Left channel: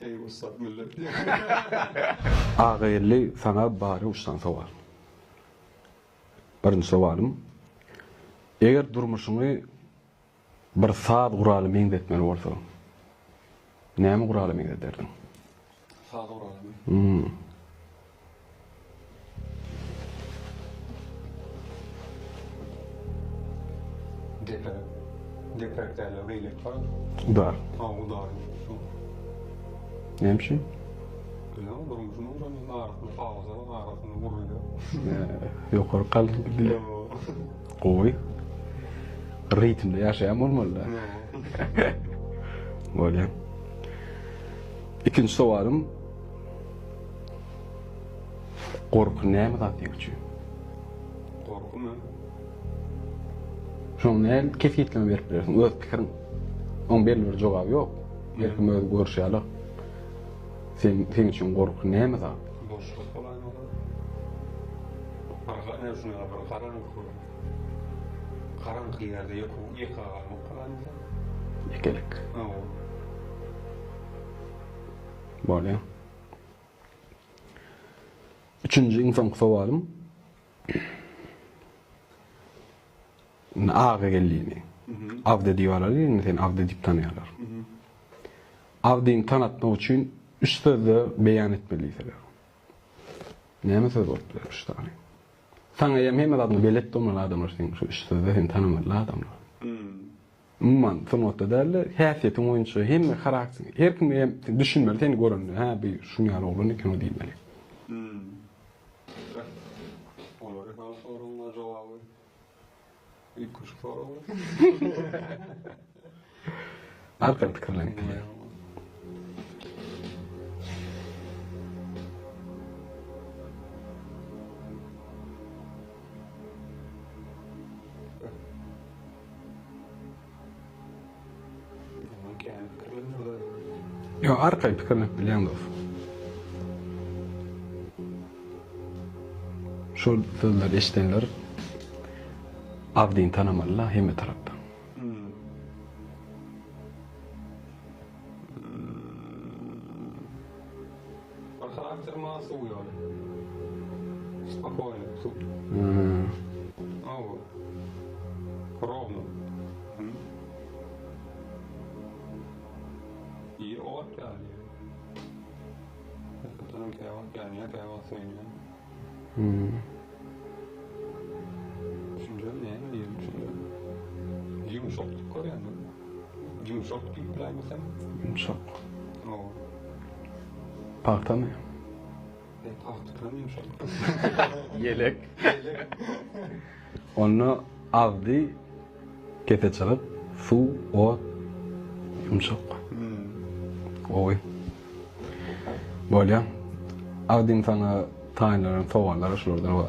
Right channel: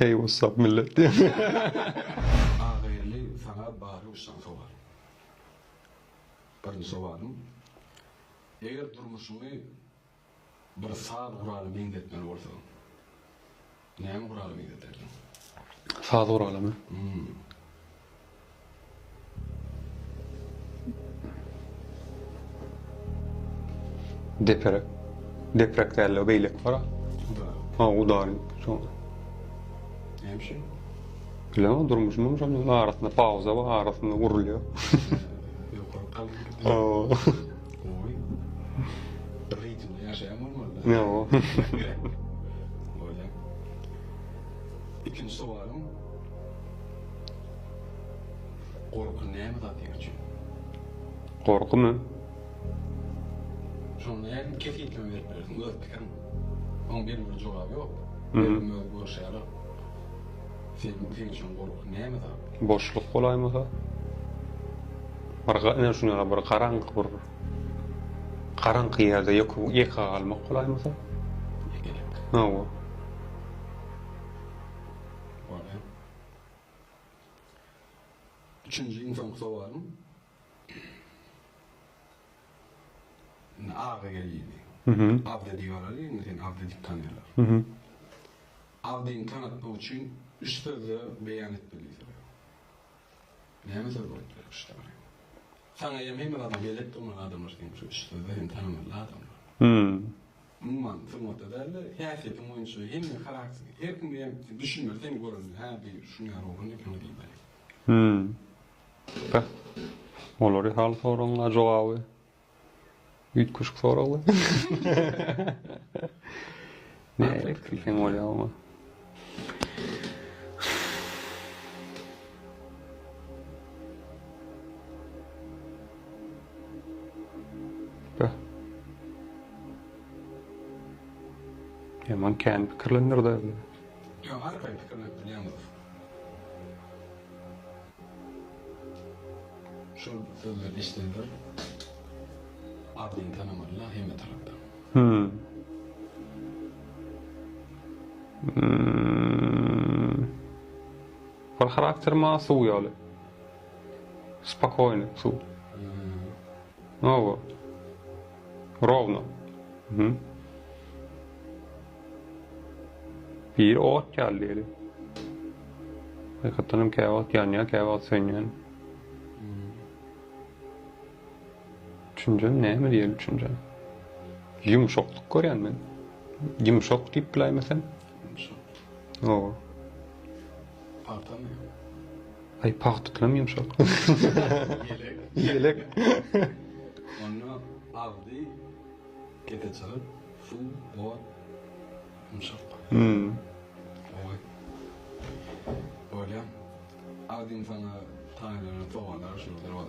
Hey what's up millet diye. Ağayelli sana bari uçtan soğal. Birinci soğalım. Eğer durmuşunu bir saat quralı meňdetmeli bolsa, näme quralı meňdeterdin? Saat uralamy. Deprek derler beylek var. Dar. Ha o darin. Näme şey? Bilemem durmuşum ama arasında pauza var, arasında vuruluyor. Ýokary qalyn gidip goý. Ritmde ýaşaýan bolmaly. Yo. Bolýar. İkinci soğalım. Korku näme zat diýerçi? Korku mu? Şoň näl kefiýetleme berip berersiň, öz pikirin. Oň belli bir jogaby ýok. Belki öz görüşýärler. Sen üçin korku näme zat? Boşluk bolaýmasa? Ne şuna bir qaraňky ýerde ýeka galmak bolaýmasa? Yekelik. Ha o. Bolýar. Üçüncü insan soğalım. Ağa geldiğini. Avde diyorlar ya, sen avde dip tanıyorlar. Avde'ni tanıtmak için üç sözle beyan etmeliyiz. Näme söz bolupdyr üç tane? Sana hem adamı belet olmalı adamlar sen şu üç sözle hem tanımalı adamlar. Umman sonunda derler, häsiýetin oyunçu hem karakter, her kim düşünmeli, seni görünür. Ha bir şunu ýaly oglan eken o diýmeli. Olary hal soraňlar jogaby. Üýtgüşik soraňlar. Näme pikirler? Kim bolýar? Man kendi pikirlenir de. Yo, arkay pikirlenip bilýän dost. Şol sözler eşitenler Avdiň tanamalylar hemme tarapdan. Bir karakter masuw ýaly. Spokojny, suw. No. Ровно. Bir ot geldi. Hakikaten kağıt yanıyor, kağıt sönüyor. Düşüncem ne mi diyelim düşüncem? Yumuşaklık görüyorum ben. Yumuşak deyip bilemesen. Yumuşak. O. Parta mı? Ay partıklam yumuşak. Yelek. Yelek. Onu avdi kete çalıp su, ot, yumuşak. Oy. Bolýar. Avdiň sana taýinlenen sowallary şurdan var.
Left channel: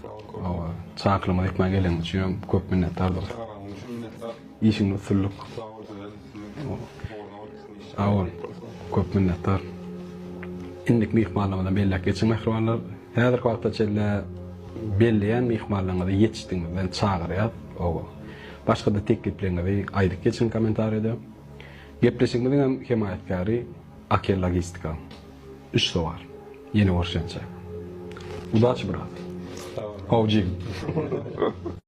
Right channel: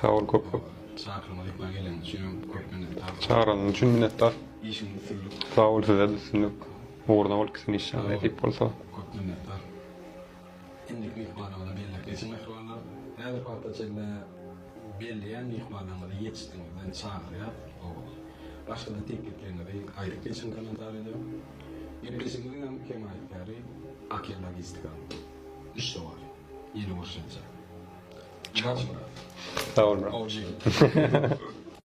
Sağ ol köp. Çaklama ekmek gelen üçin köp minnetdardyr. Çağıranın üçün minnettar. İşiňi usulluk. Sağ ol size de sizinle. Uğurdan ol kisin işe edip bolsa. Köp minnettar. Indik mihmanlamadan bellek geçin mehribanlar. Häzirki wagtda çelle belleýän mihmanlamadan ýetişdiňizden çağırýar. O. Başga da tekliplerinizi aýdyk geçin kommentarýada. Gepleşigimiziň himayetkary Akel Logistika. 3 sovar. Yeni görüşençe. Udaç brat. Sağ ol. Ovcik.